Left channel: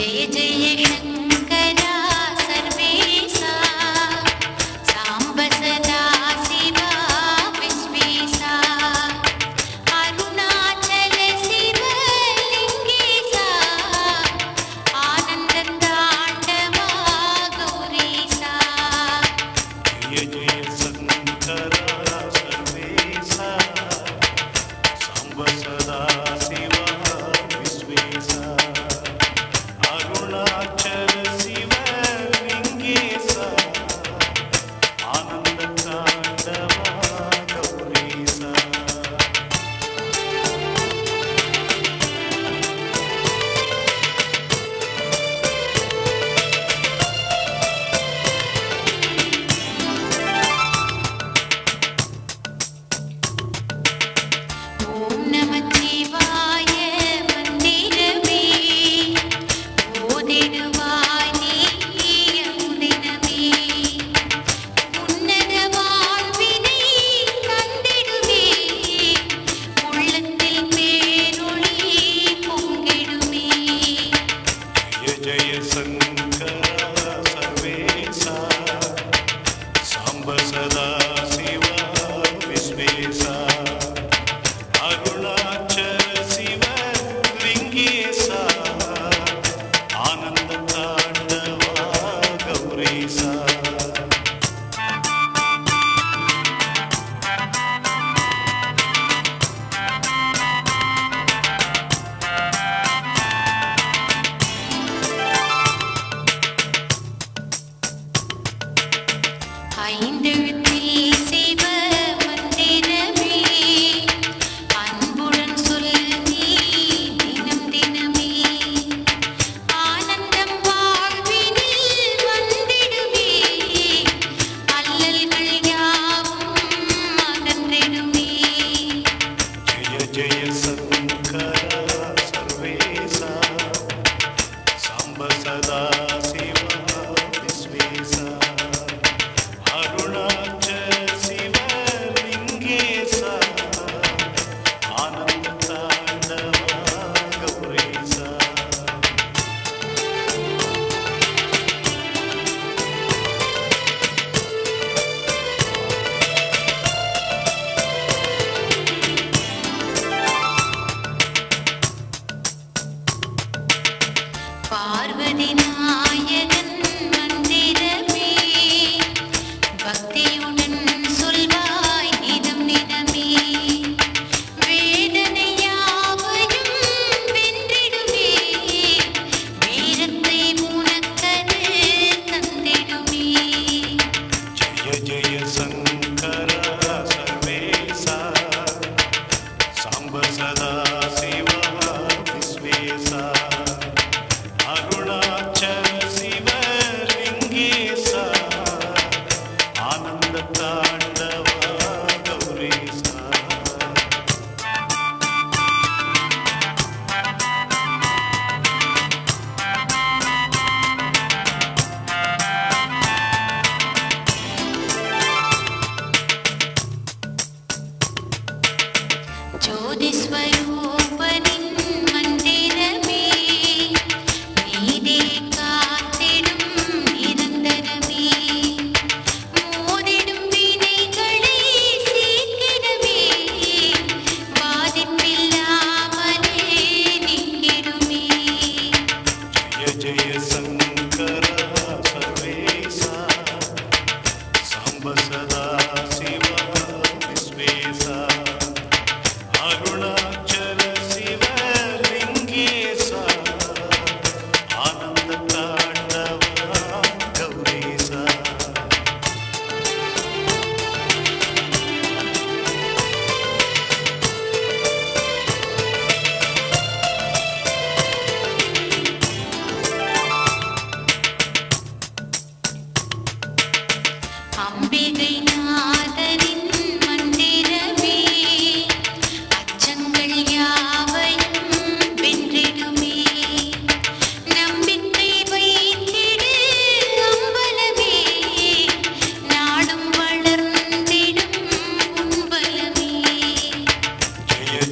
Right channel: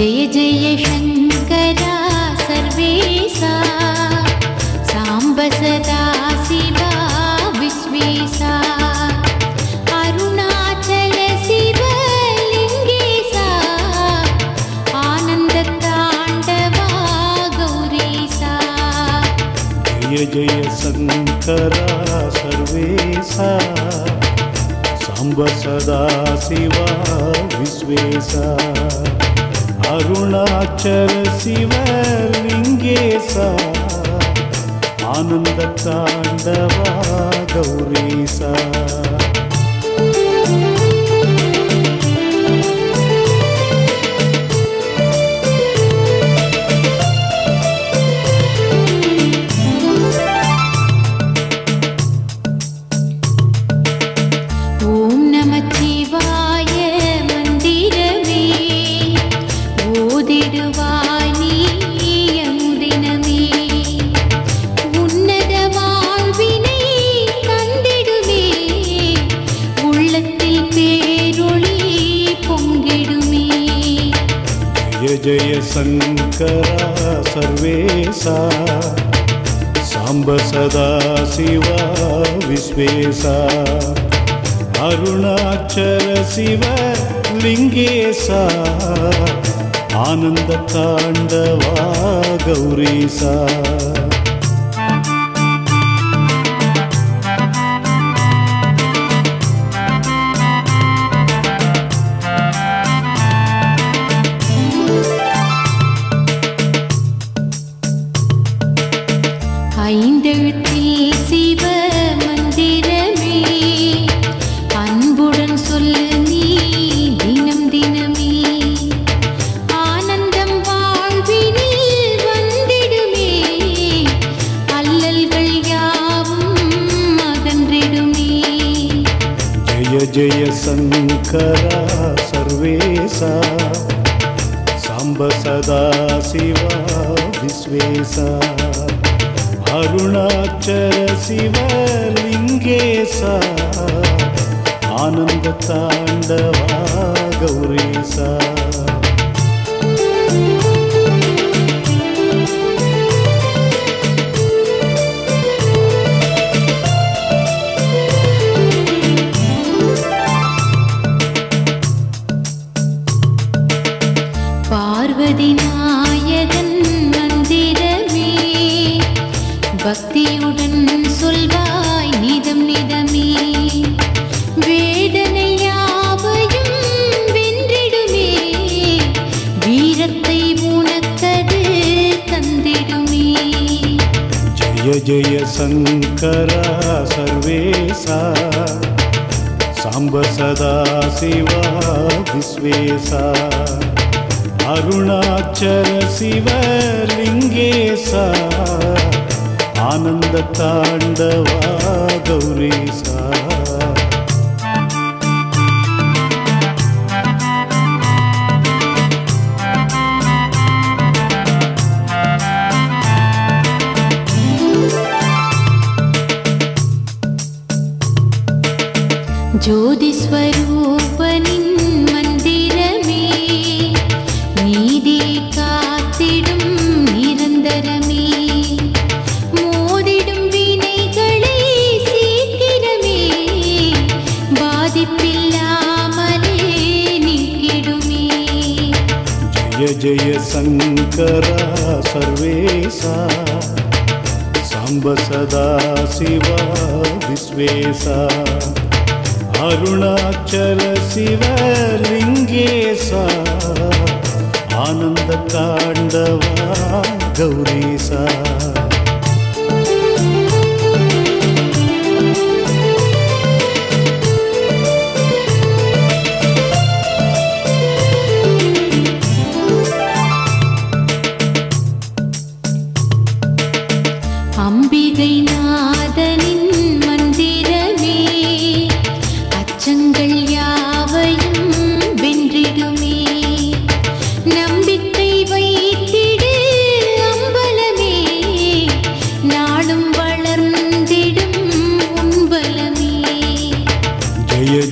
जय जय शङ्करा सर्वेशा साम्ब सदा शिवा विश्वेशा अरुणाचल शिवलिङ्गेशा आनन्दताण्डवा गौरीशा। जय जय शङ्करा सर्वेशा साम्ब सदा शिवा विश्वेशा அருணாச்சல சிவலிங்கேசா ஆனந்த தாண்டவா கௌரி. தேசா. அருணாச்சல சிவ லிங்கேசா. ஆனந்த தாண்டவா கௌரீசா. शङ्करा सर्वेशा साम्ब सदा शिवा विश्वेशा अरुणाचल शिवलिङ्गेशा आनन्दताण्डवा गौरीसा பக்தியுடன் சொல்வாய் நிதம் நிதமே வேதனையாவையும் வென்றிடுமே வீரத்தை உனக்கது தந்திடுமே. ஜெய ஜெய சங்கரா சர்வேசா சாம்ப சதா சிவா விஸ்வேசா அருணாச்சல சிவலிங்கேசா ಆನಂದ ತಾಂಡವಾ ಗೌರೀಶ ज्योतिस्वरूपनि शङ्करा सर्वेशा। साम्ब सदा शिवा विश्वेशा। अरुणाचल शिवलिङ्गेशा आनन्दताण्डवा गौरीसा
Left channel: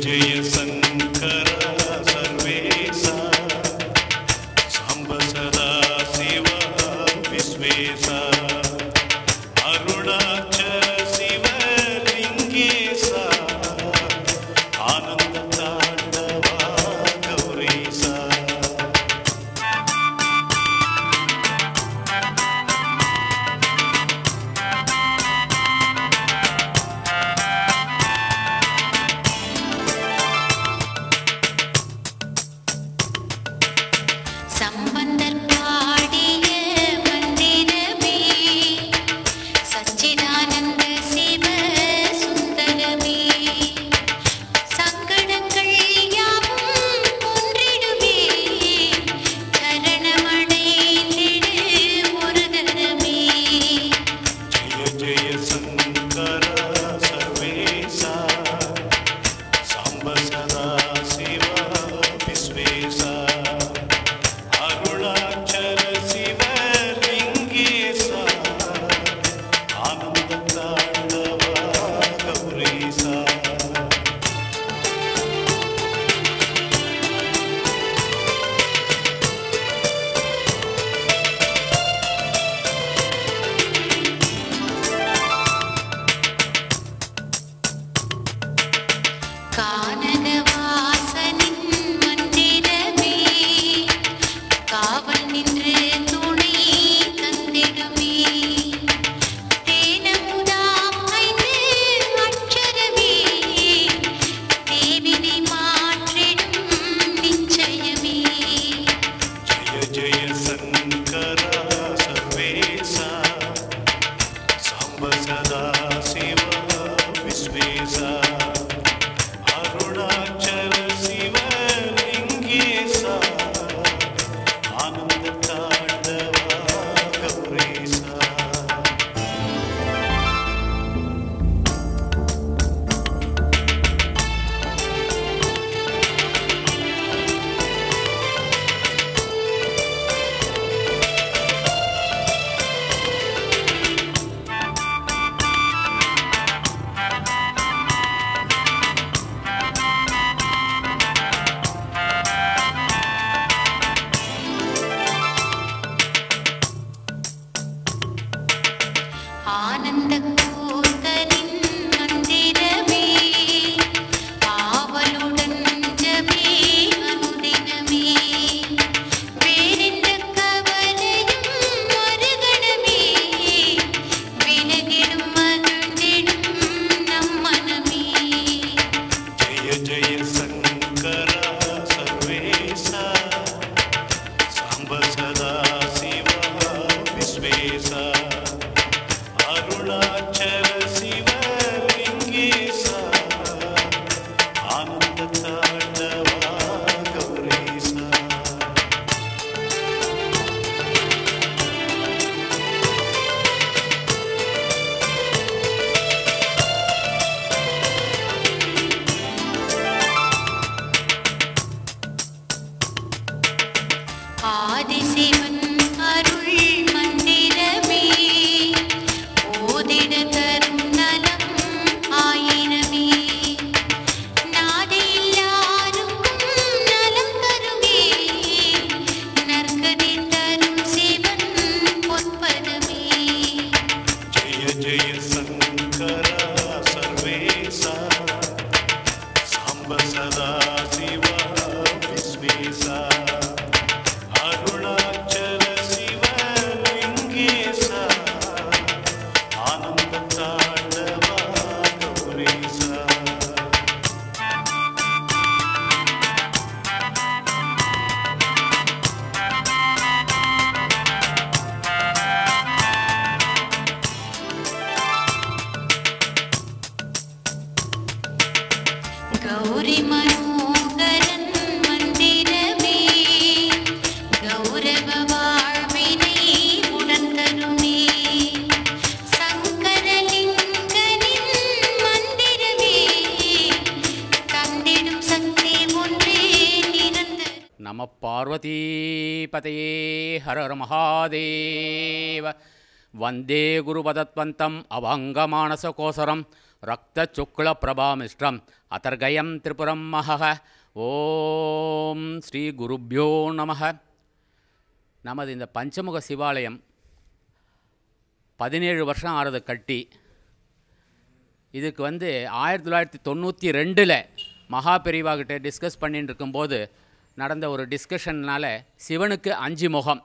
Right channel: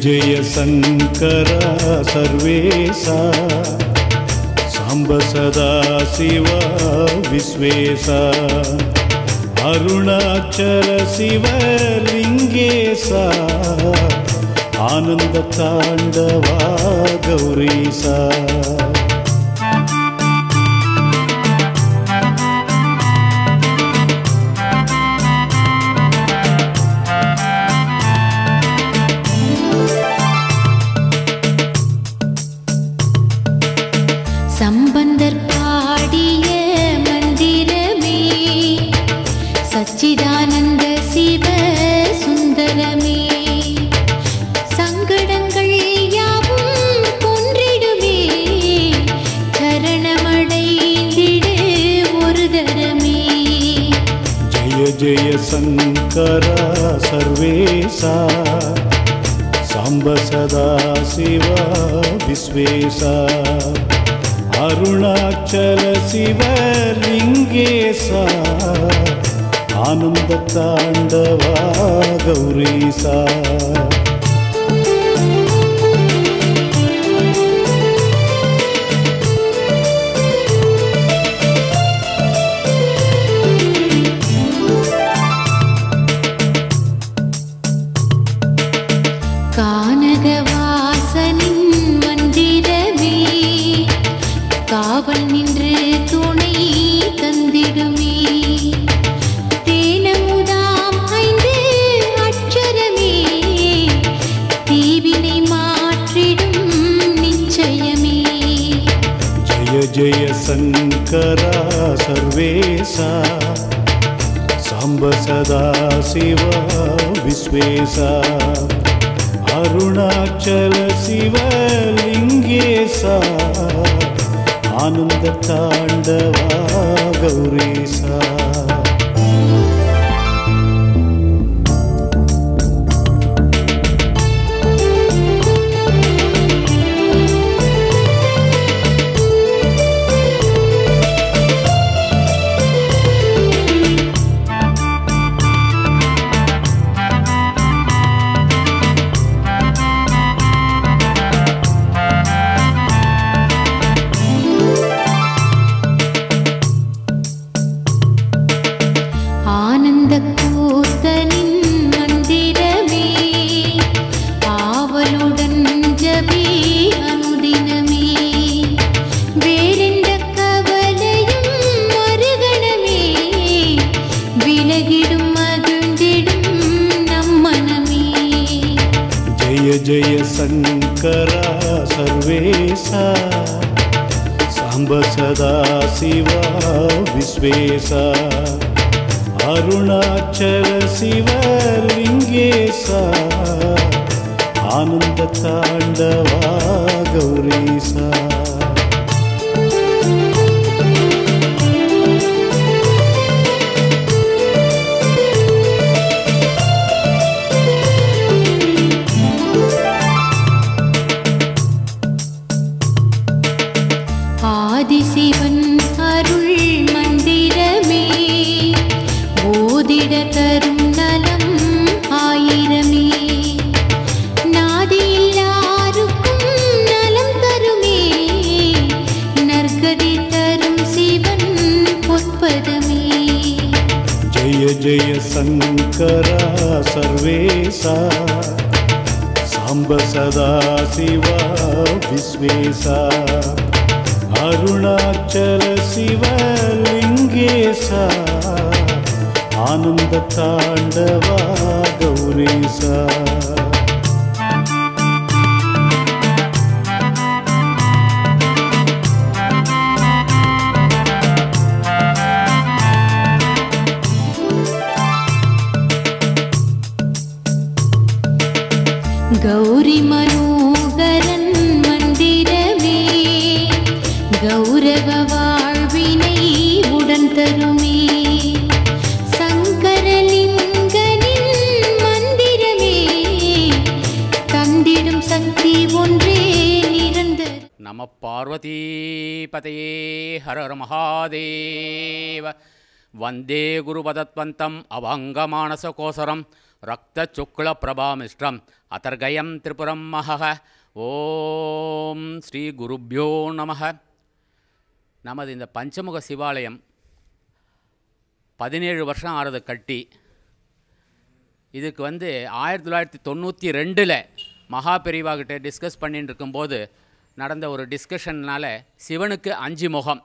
ವಿಜಯ ಶಂಕರ ಸರ್ವೇಶ. ಸಾಂಬ ಸದಾ ಶಿವ ವಿಶ್ವೇಶ. ಅರುಣಾಚಲ ಶಿವ ಲಿಂಗೇಶ. ಆನಂದ ತಾಂಡವ ಗೌರೀಶ. சதா சிவா விஸ்வேசா அருணாச்சல சிவலிங்கேசா ஆனந்த தாண்டவா சிவலிங்கேசா ஆனந்த தாண்டவா கௌரீசா சங்கரா சர்வேசா சாம்ப சதா சிவா விஸ்வேசா அருணாச்சல சிவலிங்கேசா ஆனந்த தாண்டவா கௌரீசா ஜெய சங்கரா சர்வேசா சாம்ப சதா சிவா விஸ்வேசா அருணாச்சல சிவலிங்கேசா ஆனந்த நம பார்வதீபதையே ஹர ஹர மகாதேவ வந்தே குருபதத்வந்தம் அபங்கமானசகோசரம் ரக்தச்சுக்லபிரபாமிஷ்டம் அதர்கயம் திரிபுரம் மகः ஓம் ஸ்ரீ குருப்யோ நமக நமது இந்த பஞ்சமுக சிவாலயம் பதினேழு வருஷம் ஆறது கட்டி இதுக்கு வந்து ஆயிரத்தி தொள்ளாயிரத்தி தொண்ணூற்றி ரெண்டில் மகா பெரிவாகிட்ட டிஸ்கஸ் பண்ணிட்டு இருக்கும்போது நடந்த ஒரு டிஸ்கஷன்னால் சிவனுக்கு அஞ்சு முகம்.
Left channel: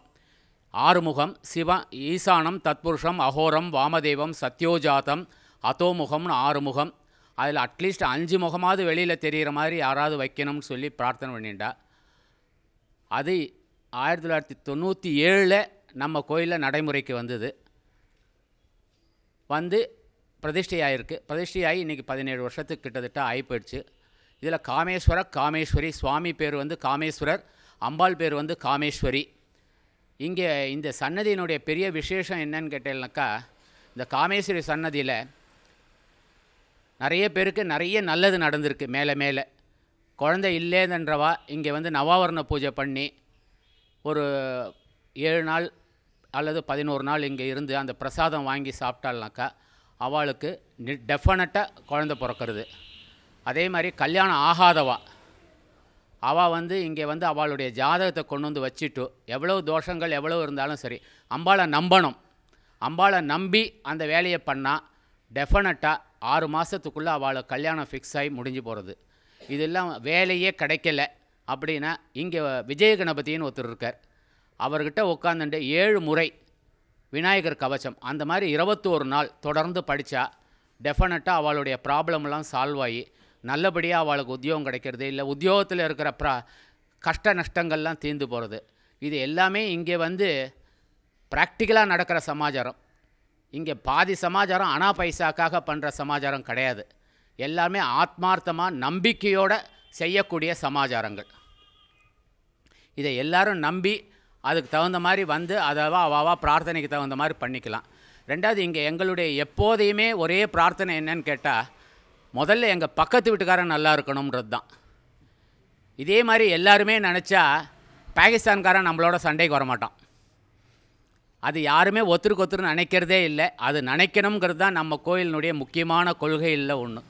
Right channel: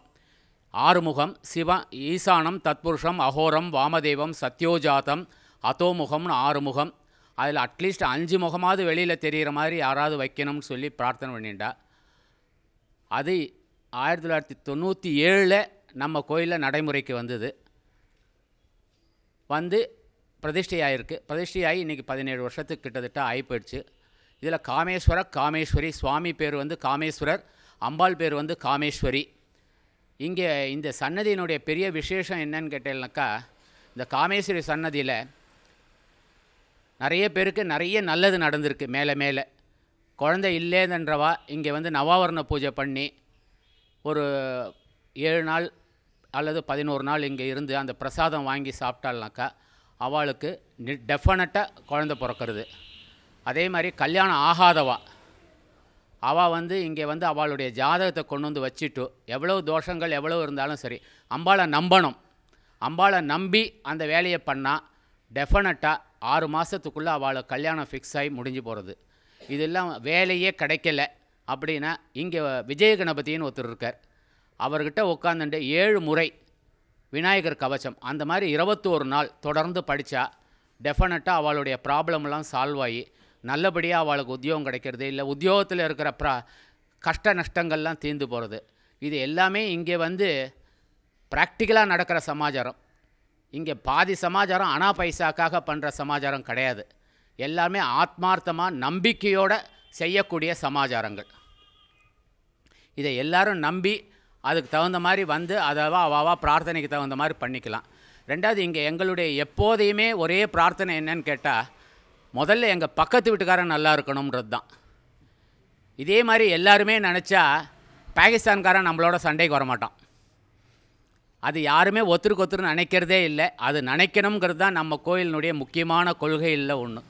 ஆறு முகம் சிவ ஈசானம் தத்புருஷம் அகோரம் வாமதேவம் சத்யோஜாதம் அதோமுகம்னு ஆறு முகம். அதில் அட்லீஸ்ட் அஞ்சு முகமாவது வெளியில் தெரிகிற மாதிரி யாராவது வைக்கணும்னு சொல்லி பிரார்த்தனை பண்ணிட்டா. அது ஆயிரத்தி தொள்ளாயிரத்தி தொண்ணூற்றி ஏழில் நம்ம கோயிலில் நடைமுறைக்கு வந்தது. வந்து பிரதிஷ்டையாயிருக்கு. பிரதிஷ்டையாகி இன்றைக்கி பதினேழு வருஷத்துக்கு கிட்டத்தட்ட ஆகி போயிடுச்சு இதில் காமேஸ்வர காமேஸ்வரி சுவாமி பேர் வந்து காமேஸ்வரர் அம்பாள் பேர் வந்து காமேஸ்வரி. இங்கே இந்த சன்னதியினுடைய பெரிய விசேஷம் என்னன்னு கேட்டேன்னாக்கா இந்த காமேஸ்வரி சன்னதியில் நிறைய பேருக்கு நிறைய நல்லது நடந்திருக்கு மேலே மேலே. குழந்தை இல்லேதன்றவா இங்கே வந்து நவாவரண பூஜை பண்ணி ஒரு ஏழு நாள் அல்லது பதினோரு நாள் இங்கே இருந்து அந்த பிரசாதம் வாங்கி சாப்பிட்டாள்னாக்கா அவளுக்கு டெஃபினட்டாக குழந்தை பிறக்கிறது. அதே மாதிரி கல்யாணம் ஆகாதவா? அவள் வந்து இங்கே வந்து அவளுடைய ஜாதகத்தை கொண்டு வந்து வச்சுட்டு எவ்வளோ தோஷங்கள் எவ்வளோ இருந்தாலும் சரி அம்பாளை நம்பணும். அம்பாளை நம்பி அந்த வேலையை பண்ணால் டெஃபினட்டாக ஆறு மாதத்துக்குள்ளே அவளை கல்யாணம் ஃபிக்ஸ் ஆகி முடிஞ்சு போகிறது இதெல்லாம் வேலையே கிடைக்கல அப்படின்னா இங்கே விஜய கணபதினு ஒருத்தர் இருக்கார். அவர்கிட்ட உட்காந்துட்டு ஏழு முறை விநாயகர் கவசம் அந்த மாதிரி இருபத்தோரு நாள் தொடர்ந்து படித்தா டெஃபினட்டாக அவளுடைய ப்ராப்ளம்லாம் சால்வ் ஆகி நல்லபடியாக அவளுக்கு உத்தியோகம் கிடைக்கிறது இல்லை. உத்தியோகத்தில் இருக்கிற ப்ரா கஷ்ட நஷ்டங்கள்லாம் தீர்ந்து போகிறது இது எல்லாமே இங்கே வந்து ப்ராக்டிக்கலாக நடக்கிற சமாச்சாரம். இங்கே பாதி சமாச்சாரம் அனா பைசாக்காக பண்ணுற சமாச்சாரம் கிடையாது. எல்லாமே ஆத்மார்த்தமாக நம்பிக்கையோடு செய்யக்கூடிய சமாச்சாரங்கள். இதை எல்லாரும் நம்பி அதுக்கு தகுந்த மாதிரி வந்து அதவா அவாவா பிரார்த்தனைக்கு தகுந்த மாதிரி பண்ணிக்கலாம். ரெண்டாவது இங்கே எங்களுடைய எப்போதையுமே ஒரே பிரார்த்தனை என்னன்னு கேட்டால் முதல்ல எங்கள் பக்கத்து வீட்டுக்காரன் நல்லா இருக்கணும்ன்றது தான் இதே மாதிரி எல்லாருமே நினச்சா பாகிஸ்தான்காரன் நம்மளோட சண்டைக்கு வரமாட்டான். அது யாருமே ஒத்துருக்கு ஒத்துரு நினைக்கிறதே இல்லை. அது நினைக்கணுங்கிறது தான் நம்ம கோயிலினுடைய முக்கியமான கொள்கையில் ஒன்று